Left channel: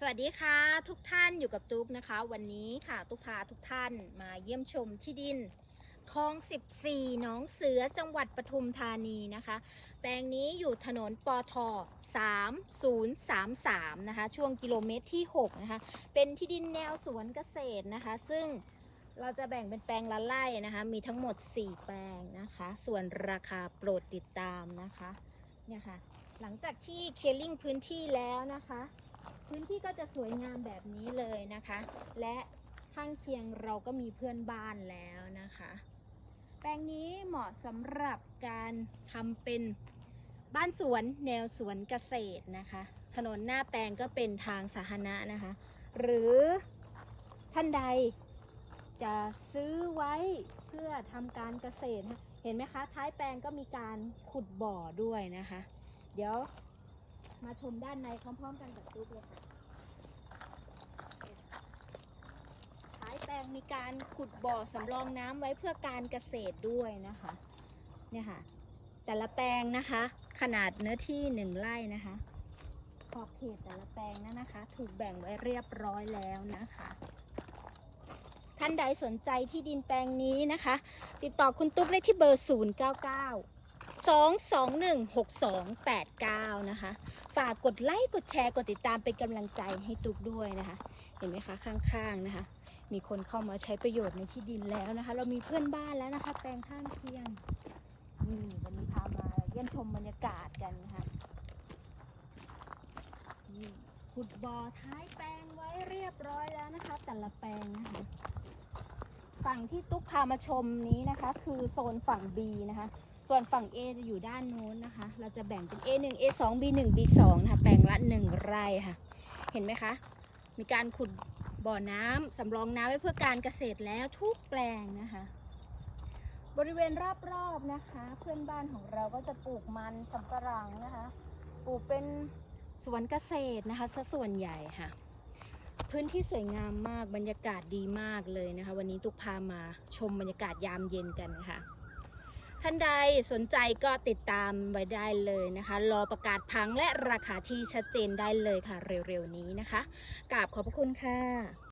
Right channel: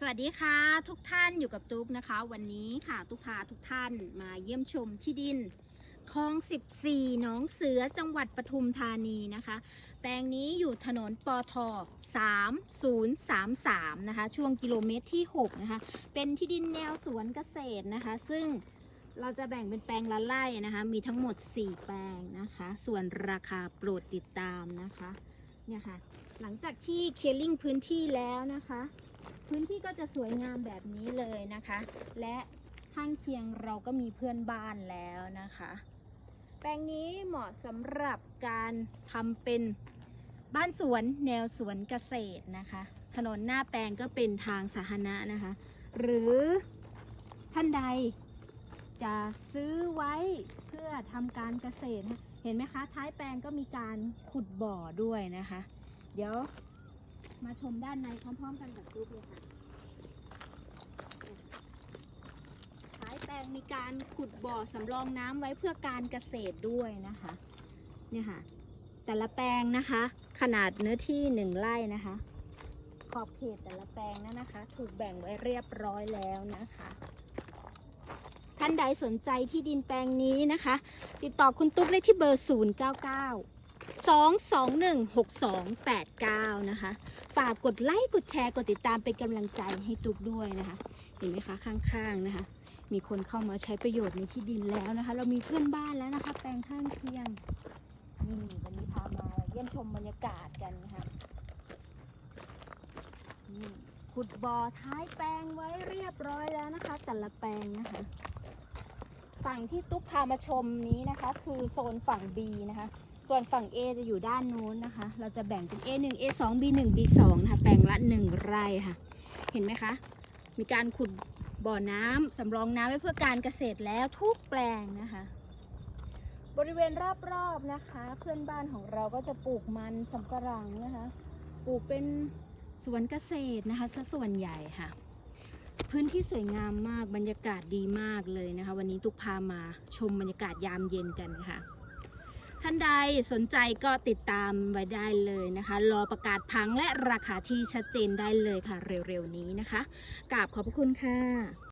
สวัสดีค่ะ ทุกท่านอยู่กับตุ๊กนะคะ วันนี้ค่ะตุ๊กพาทุกท่านมาเยี่ยมชมที่ดินคลอง 14หนองเสือจังหวัดปทุมธานีนะคะ แปลงนี้อยู่ถนนปอท3033 นะคะ ช่วงกิโลเมตรที่ 6 นะคะ เป็นที่ดินแนวสวนเกษตรนะคะ ซึ่งเราจะแบ่งเป็นแปลงละไร่นะคะ มีทั้งหมด 4 แปลงนะคะ ส่วนราคาโปรดติดตามนะคะเนี่ยค่ะหลังจากที่เคลียร์ลิงพื้นที่แล้วนะคะ พื้นที่ก็จะสวยงามแบบนี้เลยนะคะ และข้างเคียงเราก็มีเพื่อนบ้านแล้วนะคะ แปลงนี้เหมาะสำหรับการทำเป็นบ้านสวนแนวสวนเกษตรนะคะ ถนนหน้าแปลงก็เป็นทางสาธารณะนะคะ หรือท่านใดจะซื้อไว้เพื่อทำการเกษตร เห็นไหมคะ ท้ายแปลงก็มีการขุดบ่อด้วยนะคะ เดี๋ยว มาชมด้านในพร้อม ๆ กันกับรูปเลยค่ะท้ายแปลงมีการขุดบ่อสำรองน้ำไว้เพื่อการเกษตรด้วยนะคะเนี่ยค่ะ แต่ละแปลงนะคะ ขนาดเนื้อที่หนึ่งไร่นะคะ ขอบเขตแต่ละแปลงนั้นนะคะ ถูกแบ่งไว้เรียบร้อยแล้วนะคะท่านใดสนใจที่ดินแปลงนี้นะคะ ติดต่อคุณตุ๊กได้ที่เบอร์ 099 2216289นะคะ ฝากกดไลค์ กดแชร์ กดติดตามเป็นกำลังใจให้ตุกด้วยนะคะ เห็นไหมคะข้างๆนะคะ มีคนเข้ามาใช้ประโยชน์ในที่ดินแล้วนะคะ เรามีเพื่อนบ้านแล้วนะคะ แปลงข้างเคียงนี่วันนี้พามาเยี่ยมชมบรรยากาศกันนะคะนี่ขุดบ่อท้ายแปลงไว้เรียบร้อยแล้วนะคะ แต่ละแปลงนะคะฝั่งที่ตุ๊กพามาชมนี้นะคะ คือโซนฝั่ง B นะคะ ส่วนฝั่ง A จะอยู่ด้านโน้นนะคะ เราจะแบ่งเป็น A1 A2 B1 B2 นะคะแปลงละ 1 ไร่ค่ะ เห็นไหมคะ มีการขุดบ่อน้ำสำรองน้ำไว้เพื่อการเกษตรแล้วทุกแปลงนะคะ บริเวณรอบๆนะคะ เพื่อนบ้านของเราก็จะปลูกมันสำปะหลังนะคะ ปลูกเป็นสวนเกษตรนะคะซะส่วนใหญ่ค่ะ พื้นที่สวยงามมากบรรยากาศดีมากเลยนะคะ วันนี้ตุกพามาชมบรรยากาศยามเย็นกันค่ะ ท่านใดสนใจก็ติดตามไว้ได้เลยนะคะ รอประกาศพังและราคาที่ชัดเจนได้เลยค่ะ เร็วๆนี้นะคะกราบขอบพระคุณค่ะ